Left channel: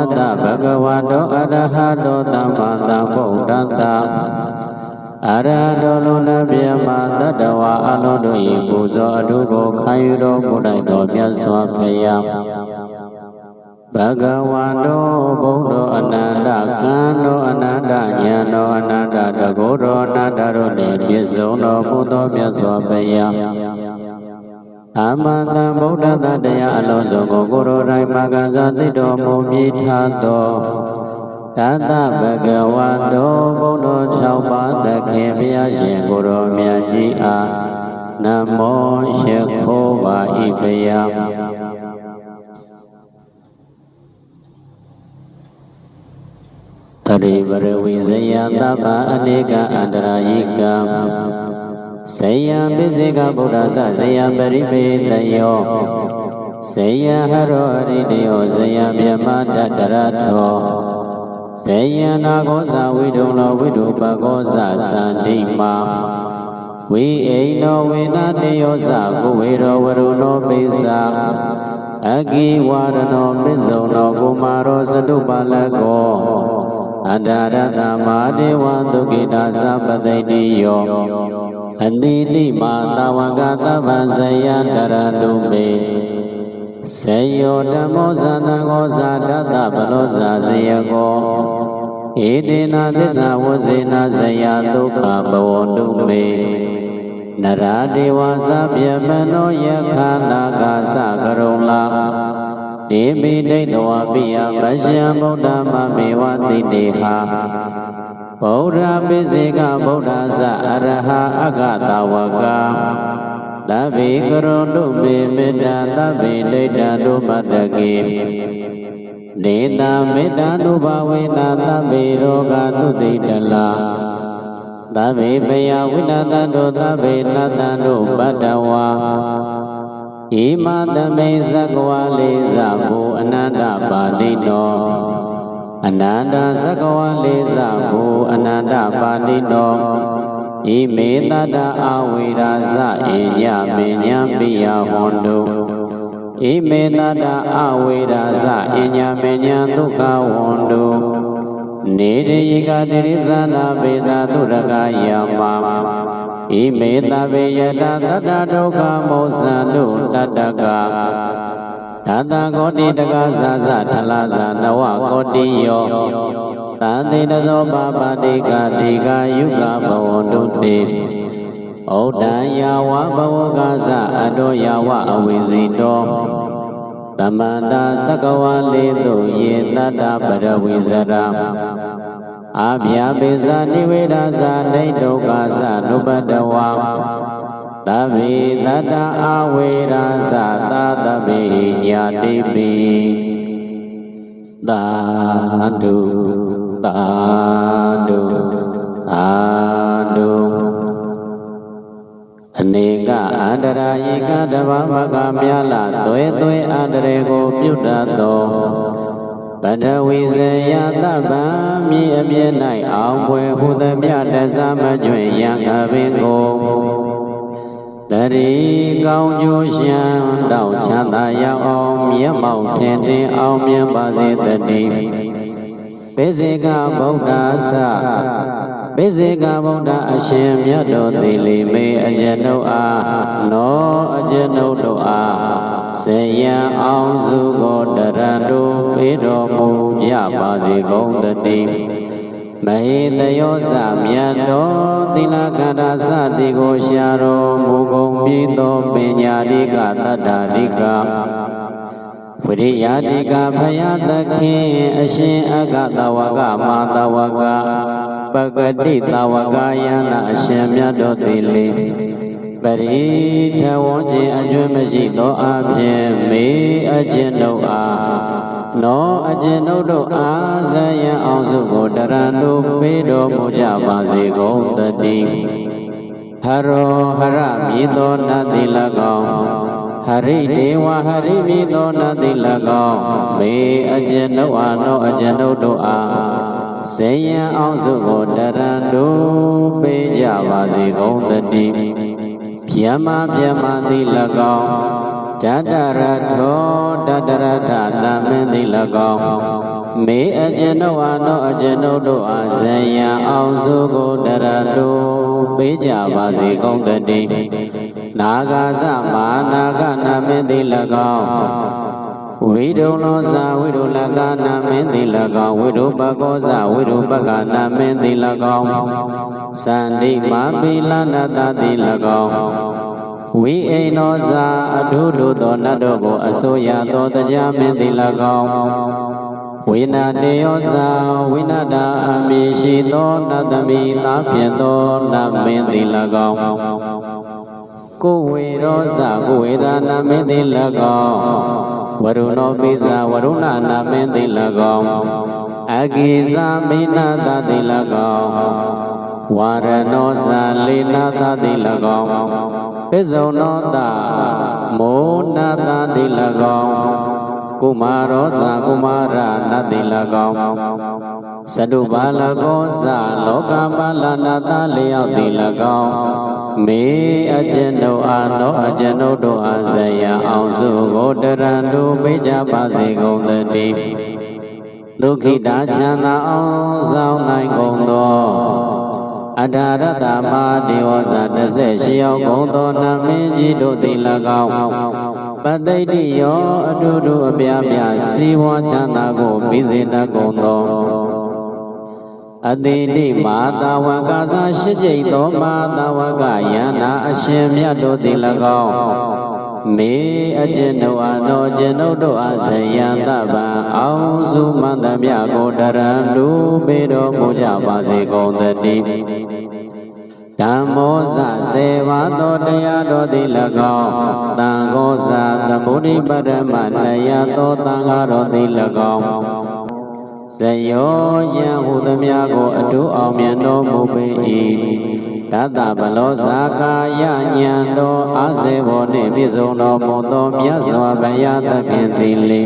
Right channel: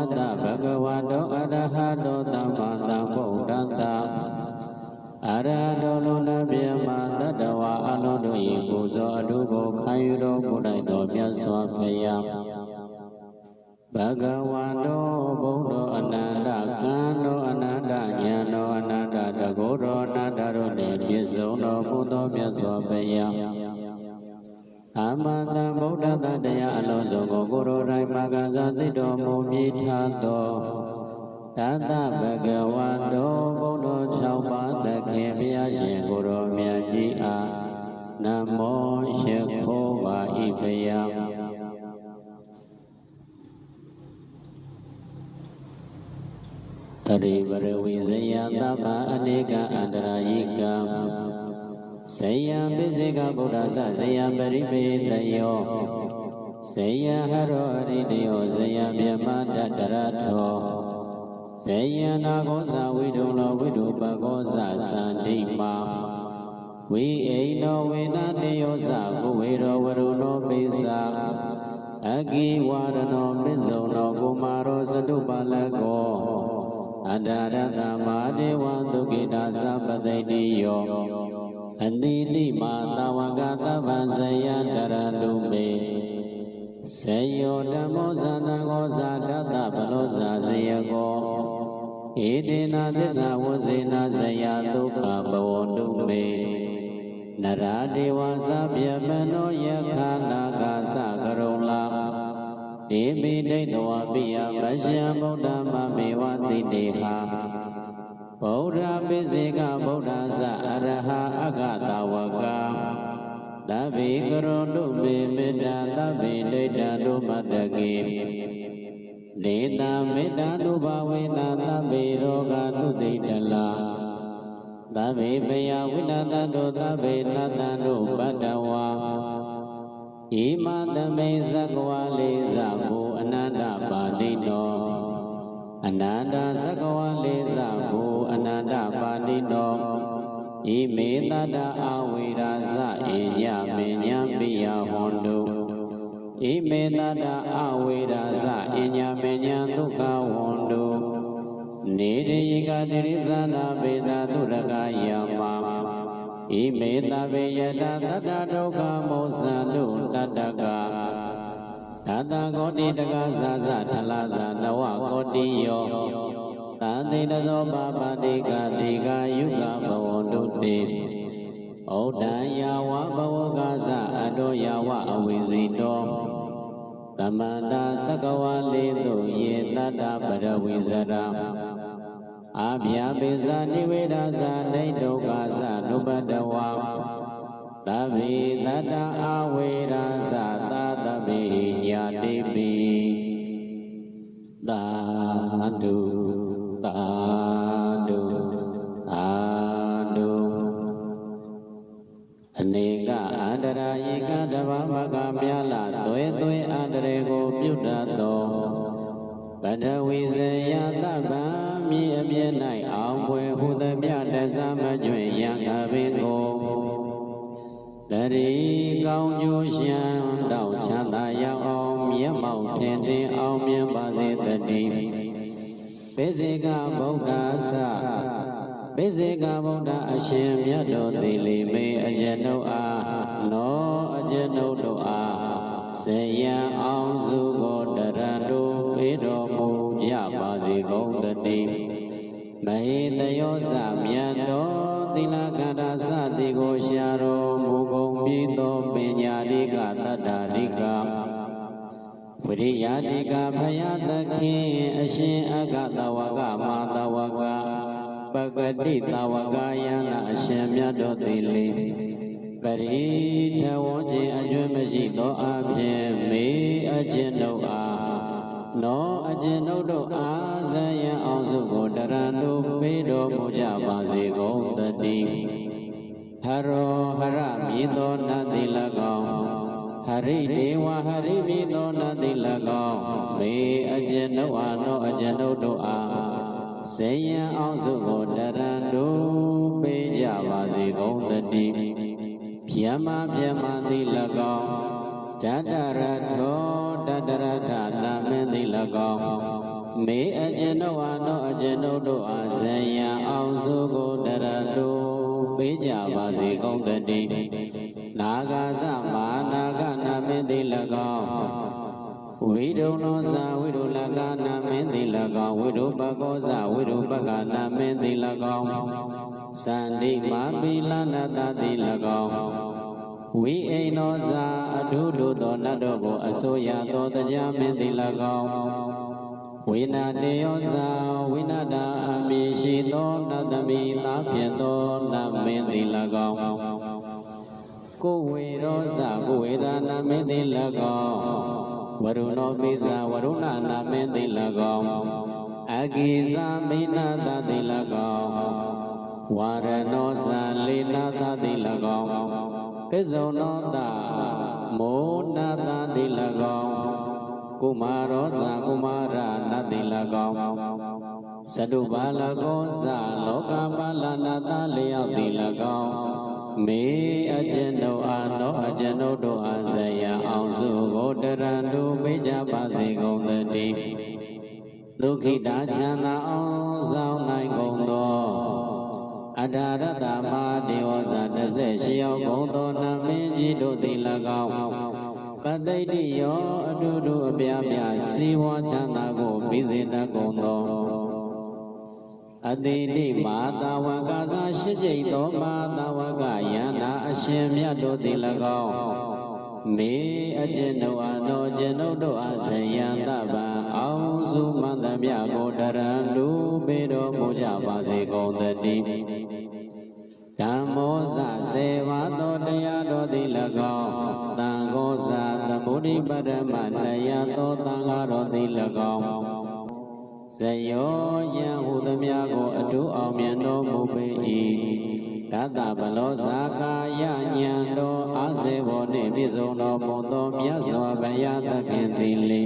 တ္တဘဂဝတောအရဟတောသမ္မာသမ္ဗုဒ္ဓတ္တအရဟတောလူနာပြမတတ္တဝါအလုံးတို့၏ပူဇော်အထုကိုခံယူတော်မူလိုက်သောမြတ်စွာဘုရားဘဂဝတောဘုဒ္ဓအနန္တကံတော်အနန္တဉာဏ်တော်အနန္တတကုတော်အနန္တတို့နှင့်ပြည့်စုံတော်မူသောမြတ်စွာဘုရားသမ္မာသမ္ဗုဒ္ဓတ္တတရားအလုံးစုံကိုကိုယ်တော်တိုင်မကစားသိတော်မူပြီးထားသောတတ္တဘဂဝတောဘုဒ္ဓ၆ပါးသခင်ဘုရားရှင်ကိုယ်တော်မြတ်ကြီးအားနမောရှိခိုးပါ၏ဘုရားတရိပရဝိဇယသဗ္ဗအနေကအန္တရာယိကဇယံပိစိကဗုဒ္ဓဇဇယံပရိပေတယောဇယံဟရောအရိတယောဇယံမြမတတရထောဇယံနာဂောဇဝိဒုံလောဝိဒုပကောဇသန္တိမာဝိအိနောဝေနတေယောဇကုဝေရောဝရုဏောပိစ္ဆာအဂိဝရဏောပစ္စုံနောကုမာရောသတုပါလကောအန္တရတမာဒေဝသုကိတာသပတိတိယောအတိတိမာတဝကသဗ္ဗဇယတရတုမေစေယောဓမ္မောဇာတကောဇာတတဗလောဇာဇယကောဣတိနာသစ္စာဝဇေနာဇယဒုက္ခဘဝတုမေနရာဒေဝသဗျမနောယခာနာဂာသကရုံလာဒေမိဒိဋ္ဌဝပိယပရှံဗုဒ္ဓမမေဝတိတေဟာဗုဒ္ဓပိစေကဗုဒ္ဓဇအရဟအဂတဝကသဗ္ဗေကရောတုမေမေတ္တာသဗ္ဗေဒိဋ္ဌတုမတ္တကေဒေတာမေတ္တာနုဘဝေနသဗ္ဗေရောဂသုတိတလာသဗ္ဗေပယဝိနတတောသဗ္ဗေနတတုပတ္တဝါဣမသမိဇဂဝါလေးဇဘူအနန္တပါဠိနောအနန္တဇဂဝါလေးဇဘူအနန္တပါဠိနောဣမေတတ္တအဝိရာဇဧယမေညာပိယဟွန်တုဣမေတတ္တအဝိရာဇဧညာမေညာဒုက္ခဝွန်တုနေတိယကတိရိသနာပေတာသုရကယမဣမေတဗေယတတတ္တဒုက္ခမောဇံတုတတ္တကတတကောတိတကသဇထလဇနဝကောတိယောတသေတသောပါပတိကတိကယုကဘဝတုတေဩဒ္ဒယဝဘဝကသအတောယဝအဝိဇိတောသမန္တာသကဝလေတုယေတတ္တပရဝိဇရာအာဗျာပိဇာနိဝေဒဇာနိဒုက္ခသနုပတ္တဝါသဗ္ဗေတတ္တအဝေရာဇသာသဗ္ဗေညာတိပိသာဓုသာဓုသာဓုအနေကအန္တရာယိကတဗ္ဗမကမြလာသွဲသွဲအန္တရေကိုပြုတတ်သောပထဝီဇယသဗ္ဗံမြေအပြည့်၌အောင်ပွဲဟုသမျှတသမကျွင်ယံခပင်ကိုတရိကောင်းကျိုးရှံတောက်ချမ်းသာရောက်အောင်မျက်မှောက်ထင်ထင်အောင်မြင်ပါစေတည်းပိစေကဗုဒ္ဓဆပိစေကဗုဒ္ဓအရှင်မြတ်တော်သီလိမေအကျွန်ုပ်အားနောအကျွန်ုပ်တို့အားဇယံအောင်စုကိုတရံတို့ပေးတော်မူကြပါစေကုန်တည်းမဟေတယောဇမြတ်တော်သီလကန္တာစသည်ကိုရှာတော်မူကုန်ပြီးသောပညာတိကတတ္တာတိကဝိရိယတိကဖယားသခင်အရှင်အဂတဝကမာတဝကပဂတိတဝကယနာအရှင်မြတ်တော်သီလိပရိထဝောခြင်းအကျွမ်းမရှိသောအဖြစ်မေအကျွန်ုပ်အားနောအကျွန်ုပ်တို့အားဇယံအောင်စုကိုတရံတို့ပေးတော်မူကြပါစေကုန်တည်းဟရောဟရမြည်သောနတ်တိ၎င်းဟရိဒေဝဟရိမြည်သောနတ်တိ၎င်းမေအကျွန်ုပ်အားနောအကျွန်ုပ်တို့အားဇယံအောင်စုကိုတရံတို့ပေးကြပါစေကုန်တည်းဗျမဗျမတိ၎င်းတတရထောတတရထနာမင်းတိ၎င်း မေအကျဉ်တို့အားနောအကျဉ်တို့အားဇယံအောင်စုကိုတရတုပေးကြပါစေကုန်တည်းနာဂာသမာနာဂနာမင်းသည်၎င်းဝိဒုံလောဇာဝိဒုလကနာမင်းသည်၎င်းဝိဒုပကောဇဝိဒုပကနာမင်းသည်၎င်းသန္တိမာပိလနာတသည်၎င်းဝိအိနောဇာအထုထုသောနတ်တို့ကိုအစိုးရသောတရားမင်းသည်၎င်းဝိနာတေယောဇာဝိနာတာအမည်ရှိသောနတ်သမီးသားဖြစ်သောနတ်မင်းသည်၎င်းကိုဝေရောဇာကိုဝေဒနာမင်းသည်၎င်းဝရုဏောပိဇာဝရုဏနာမင်းသည်၎င်းအဂိဇာမိနာတသည်၎င်းဝါရဏောဇာလေနာတသည်၎င်းပိဇုံနောတမောနာတသည်၎င်းကုမာရောဇာကုမာရနတ်သည်၎င်းသတုပါလကောဇာလောကပါလနာတလျောက်သည်၎င်းမေအကျဉ်တို့အားနောအကျဉ်တို့အားဇယံအောင်စုကိုတရံတို့ပေးကြပါစေကုန်တည်းဒုက္ခိတာချမ်းသာအောင်ဆောင်နိုင်ကုန်သောအထာရတမဒေဝဇာ18ယောက်ကုန်သောနမင်းကြီးတို့သည်၎င်းပတိတိယောအတူတူအပြားပြားစီဝါချမ်းသာကိုပြီးစေတတ်ကုန်သောအတိတိမာတာဝကသာရှိကျိတ်သောမာတာဝကယန္နာအရှင်မြတ်တို့သည်၎င်းမေအကျဉ်တို့အားနောအကျဉ်တို့အားဇယံတပံအောင်စုမန္တမြကိုတရံလူပေတော်မူကြပါစေကုန်တည်းဓမ္မောဇစေဝါသောတရားတော်သည်၎င်းသံဃောဇသမုဒိပရမတရားသောသံဃာတော်သည်၎င်းဇယောယံဟုသမျှကိုအတူအောင်မြတ်တော်မူပေ၏တတဗလောဇာကာယဉာဏ်တော်အာစေဘောနှင့်ပြည့်စုံတော်မူသောမြတ်စွာဘုရားသခင်သည်လေ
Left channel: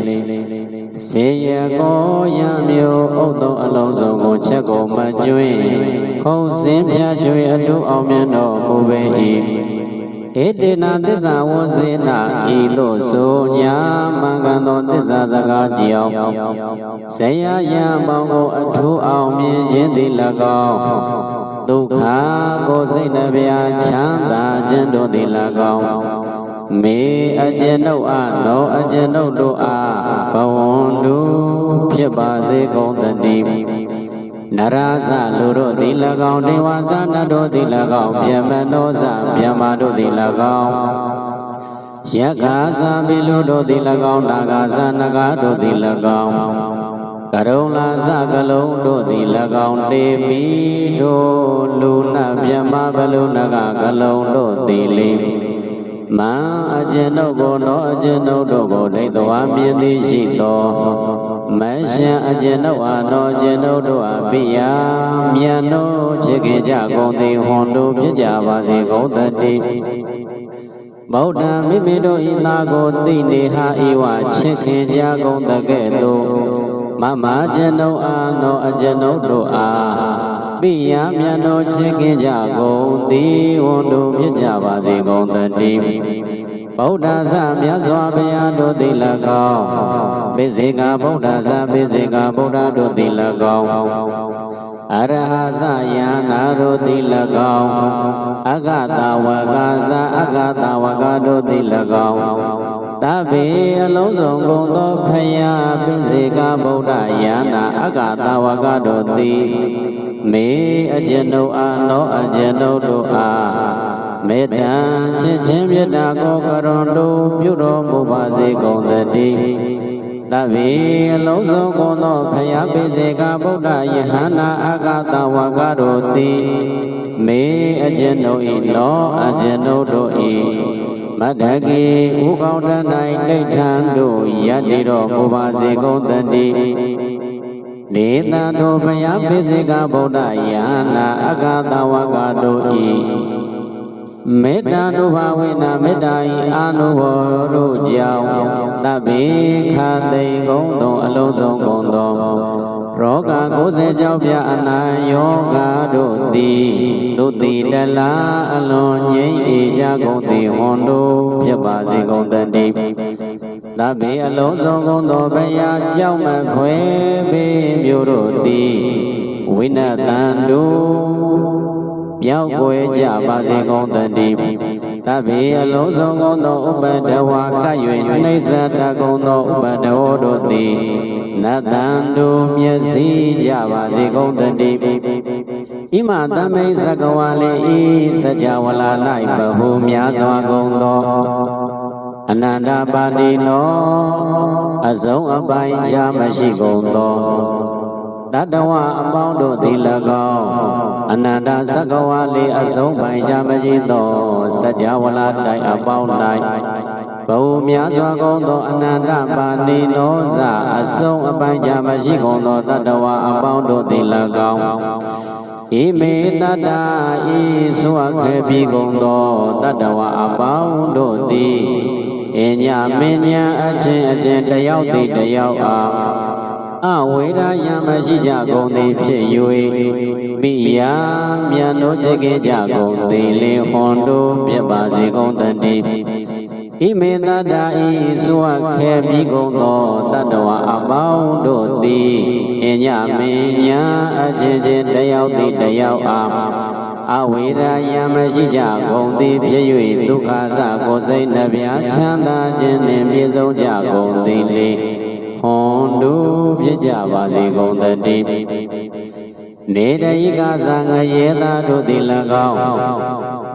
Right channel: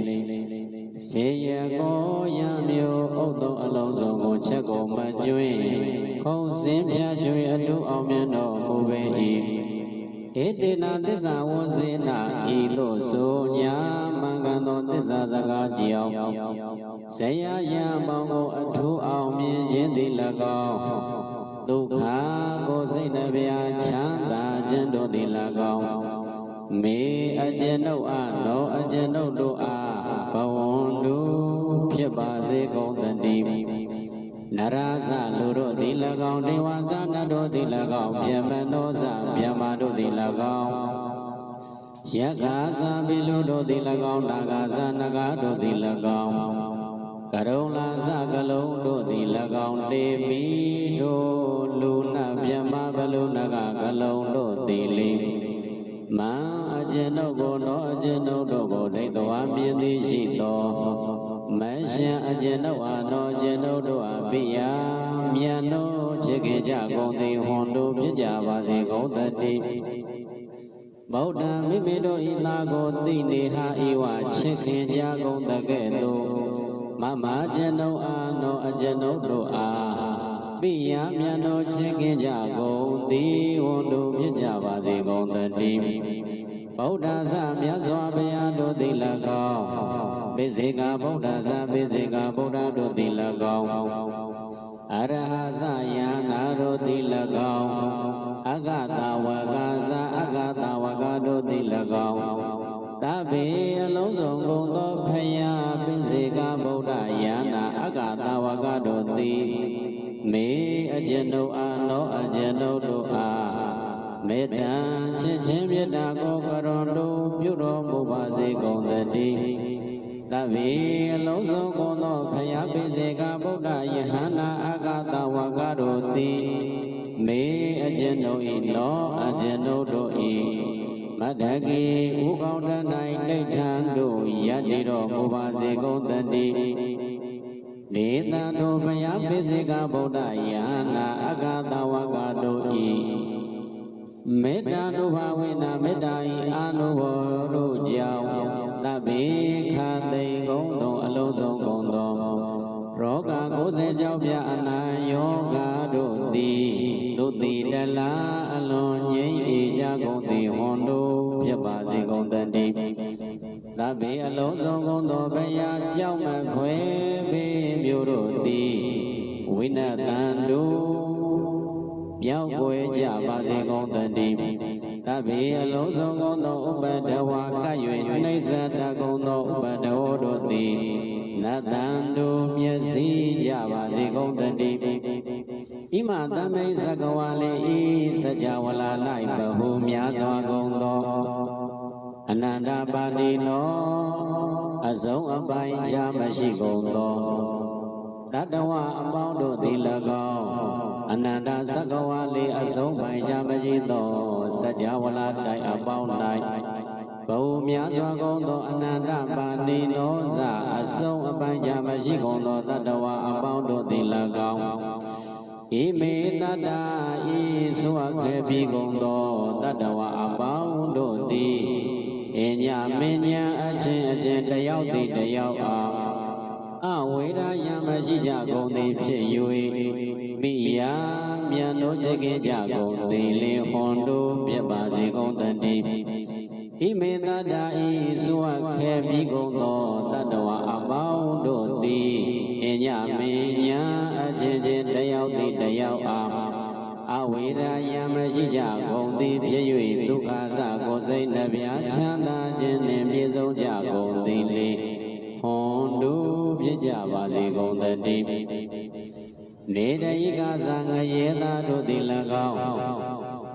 စေယကောယံမျိုးဥဒ္ဒောအလုံးစုံကိုချက်ကိုမကျွင်းခုံစင်းပြကျွေအတူအောင်မြတ်တော်မူပေ၏ဧတေနသစ္စာဝစေနာဤသို့ဆိုညာမှန်ကန်သောသစ္စာစကားကြောင့်ဇယယံပေါင်းကိုအထူးအောင်မြင်ခြင်းသည်၎င်းဒုက္ခကိုစိတ်နှပြချမ်းသာခြင်းတို့သည်၎င်းမေအကျဉ်တို့အားနောအကျဉ်တို့အားဘဝန္တုဖြစ်ပါစေကုန်တည်းနရဇလူတို့သည်၎င်းဒေဝဇနတ်တို့သည်၎င်းဗျမနောဇဗျမတို့သည်၎င်းယက္ခာဇပိလူတို့သည်၎င်းနာဂာဇနဂါတို့သည်၎င်းကရုံလာဇကလုံးတို့သည်၎င်းတေပိတို့လူနာဗျမဘလူနဂကလုံးတို့သည်လေမံအကျဉ်တို့ကိုနောအကျဉ်တို့ကိုဒိဋ္ဌဝါမြင်သည်ရှိသောမရှင်အကျဉ်တို့အားနောအကျဉ်တို့အားပိယမြတ်တို့ချစ်ခင်ကြကုန်သည်ဟွန်တို့ဖြစ်ကြပါစေကုန်တည်းဗုဒ္ဓမိမိတို့ဤသားကိုသိနေဟာဤဝချစ်ခင်ကြကုန်တကဲ့သို့မမကျဉ်တို့အားနောအကျဉ်တို့အားပိယမြတ်တို့ချစ်ခင်ကြကုန်သည်ဟွန်တို့ဖြစ်ကြပါစေကုန်တည်းဗုဒ္ဓဇမြတ်စွာဘုရားတို့သည်၎င်းပိစေကဗုဒ္ဓဇပိစေကဗုဒ္ဓတို့သည်၎င်းအရဟဇယနာတို့သည်၎င်းအဂတဝကဇအဂတဝကတို့သည်၎င်းသဗ္ဗေအလုံးစုံကုန်သောဖယားပိစေကဗုဒ္ဓယနာအဂတဝကတို့သည်မေအကျဉ်တို့အားနောအကျဉ်တို့အားမေတ္တာချစ်ချင်းမေတ္တာကိုကရုဏတို့ပြုတော်မူပါစေကုန်တည်းသဗ္ဗေအလုံးစုံကုန်သောဖယားပိစေကဗုဒ္ဓယဟန္တာအဂတဝကတို့သည်မေအကျဉ်တို့၏နောအကျဉ်တို့၏မတ္တကေဥကောင်းတ၌နှိဋ္ဌံတို့ယတ္တိတော်မူပါစေကုန်တည်းဒေသတို့ဘုရားပိစေကဗုဒ္ဓယာနာအဂတဝကတို့၏မေတ္တာတို့ဘာဝေနမေတ္တာ၏အာနုဘောတို့ကြောင့်တဗ္ဗေခသိကုန်သောအလုံးစုံကုန်သောရောဂ90ကြောင့်ပြအနာယောဂတို့သည်သူတိတလားအလွန်ငြိမ်းအေကြကုန်သည်ဟွန်တို့ဖြစ်ပါစေကုန်တည်းသ ဗေအလုံးစုံကုန်သောဘယာကြောင့်မဖွယ်ပေမျိုးတို့သည်ဝိနတံတုပြောက်ွယ်ကြပါစေကုန်တည်းသဗ္ဗေအလုံးစုံကုန်သောဥပဒဝါက၍နှိစ္စတကုန်သောဥပဒဝတို့သည်နတံတုမျက်စိကြပါစေကုန်တည်းဣမသမိတ်သကဝါလေဤစကြဝဠာ၌ဘဟုများစွာကုန်သောအနန္တပါတိနောအစုံအပိုင်းခြားမရှိကုန်သောတတဝအပေါင်းတို့သည်၎င်းအနန္တသကဝါလေအစုံပိုင်းခြားမရှိသောစကြဝဠာတိုင်အပေါင်း၌ဘဟုများစွာကုန်သောအနန္တပါတိနောဇအစုံအပိုင်းခြားမရှိကုန်သောတတဝအပေါင်းတို့သည်၎င်းဣမေတတ္တာဤဆိုအပ်ခဲ့ပြီးကုန်သောတတဝအပေါင်းတို့သည်အညမင်းညာအချင်းတယောက်သည်တယောက်အားအဝေဒယမရှိကြကုန်သည်ဖြစ်၍မိယာမြန်တို့ကြည်ကြကုန်သည်လေဟွန်တို့ပြပါစေကုန်တည်းဣမေတတ္တာဤဆိုအပ်ခဲ့ပြီးကုန်သောတတဝအပေါင်းတို့သည်အညမင်းညာအချင်းတယောက်သည်တယောက်အားအဝေဒယမရှိကြကုန်သည်ဖြစ်၍ဒုက္ခစကိုယ်စိတ်နှပြချမ်းသာခြင်းနှင့်ပြည့်စုံကြကုန်သည်လေဟွန်တို့ဖြစ်ကြပါစေကုန်တည်းနေတယိကသံငရေသာတို့သည်၎င်း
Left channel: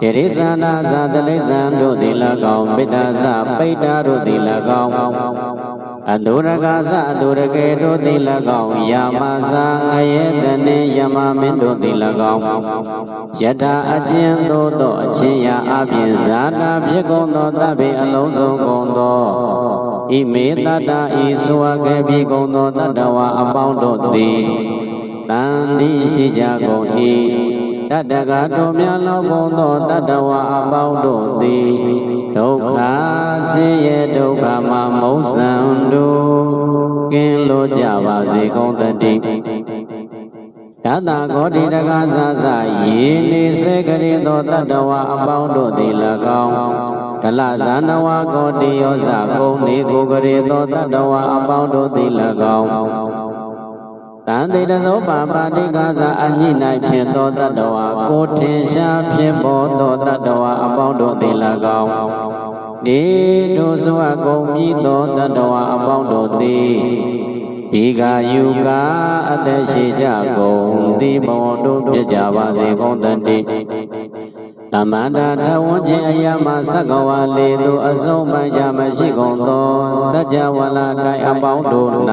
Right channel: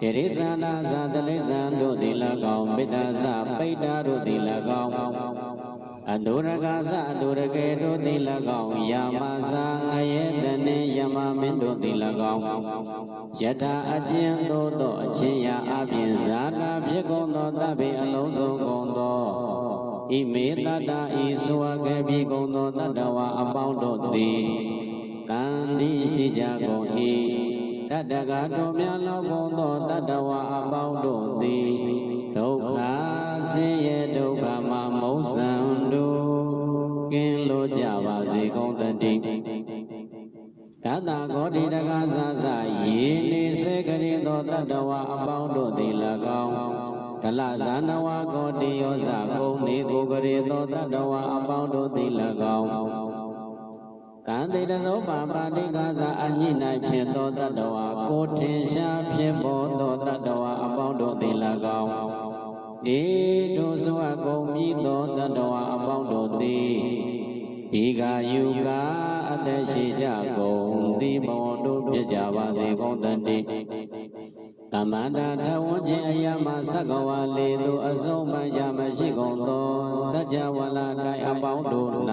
တိရိစ္ဆာနာသတလိစ္ဆံတို့သည်၎င်းပိတ္တသပိတ္တာတို့သည်၎င်းအတုရကသအတုရကေတို့သည်၎င်းယာမသငရေတနေယမမင်းတို့သည်၎င်းယထာအကျဉ်သို့သောအချင်းရာအပြင်ဇာတာဖြစ်ကုန်သောတဗ္ဗေအလုံးစုံကုန်သောဣမေတတ္တာဤဆိုအပ်ခဲ့ပြီးကုန်သောတတဝအပေါင်းတို့သည်တန်တိရှိကြကုန်၏တတကတို့များလောက်ကုန်သောတတဝအပေါင်းတို့သည်ဒုက္ခဆင်းရဲဒုက္ခမှမုတ်ဆံတို့ကင်းလို့ကြပါစေကုန်တည်းတတဂောတိတကသသယေနေစေကရေသောတတဝအပေါင်းတို့သည်၎င်းဒလဇာနဝဂောတိယောဇကုံနေကိုကရေသောတတဝအပေါင်းတို့သည်၎င်းတန်တေတသောပါပါတိကသအညိ၌ဖြစ်သောတတဝကိုထင်ရှားဖြစ်ပေါ်သောတတဝအပေါင်းတို့သည်၎င်းဒီတို့ဆိုအကုန်ပြီးသောတတဝအပေါင်းတို့သည်ဒီကယုကအသက်ရှိကြကုန်သည်ဘဝတို့ပြကြပါစေကုန်တည်းတမန္တာထဝန်းခြင်းအရာမှသက္ကဝါလေသို့အစုံပိုင်းကြမရှိကုန်သောစัจ java လာ၌အပေါင်းတို့၌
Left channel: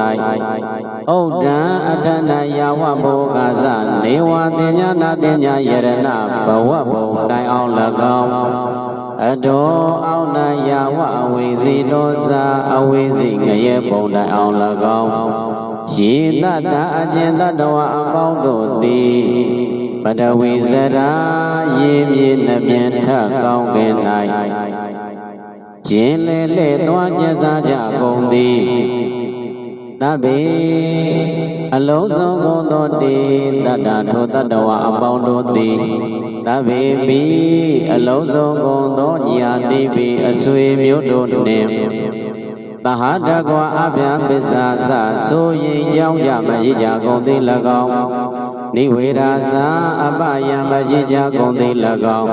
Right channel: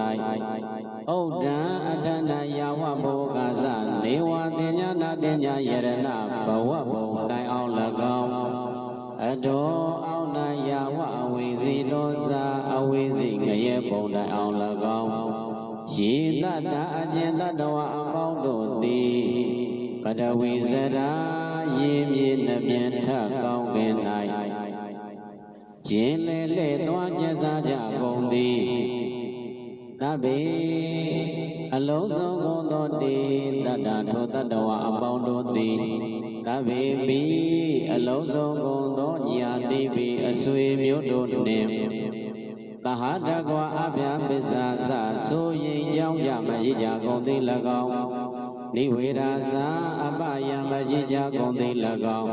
ဩဒံအတ္တနာယဝဘောဂါသနေဝတင်ညာနာတင်ညာယရဏဘဝဘုံတိုင်အောင်၎င်းအတောအောင်နာယဝအဝိဇိတောသာအဝိဇိငရေဘုံတိုင်အောင်၎င်းယေတတ္တအကျဉ်တတဝအပေါင်းတို့သည်ပတဝိဇရာရေမြေနှပြင်းထကောင်းကင်၌ကျင်လေလေသွားကျစားကြကုန်သည်သဗ္ဗေအလုံးစုံကုန်သောတေတတ္တထိုတတဝအပေါင်းတို့သည်သဗ္ဗေပိအလုံးစုံကုန်သောညာတိပိအဆွေမျိုးတို့နှင့်သဟတကွာအဗျာပစ္စာသဆိုရင်ကြောင်းကြမရှိကြကုန်သည်၎င်းနိဝေရာသာအပယံမရှိကြကုန်သည်၎င်း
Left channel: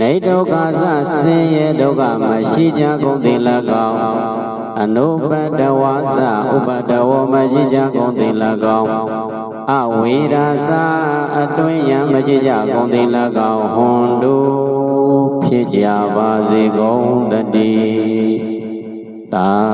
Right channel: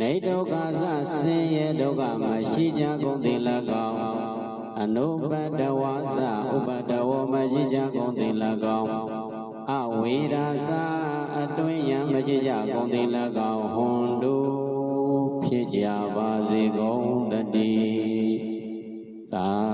နေဒုက္ခသဆင်းရဲဒုက္ခမရှိကြကုန်သည်၎င်းအနုပတဝါသဥပတဝမရှိကြကုန်သည်၎င်းအဝေရာသာအတွင်းယံမရှိကြကုန်သည်၎င်းဟွန်တို့ဖြစ်ကြပါစေကုန်တည်းသာ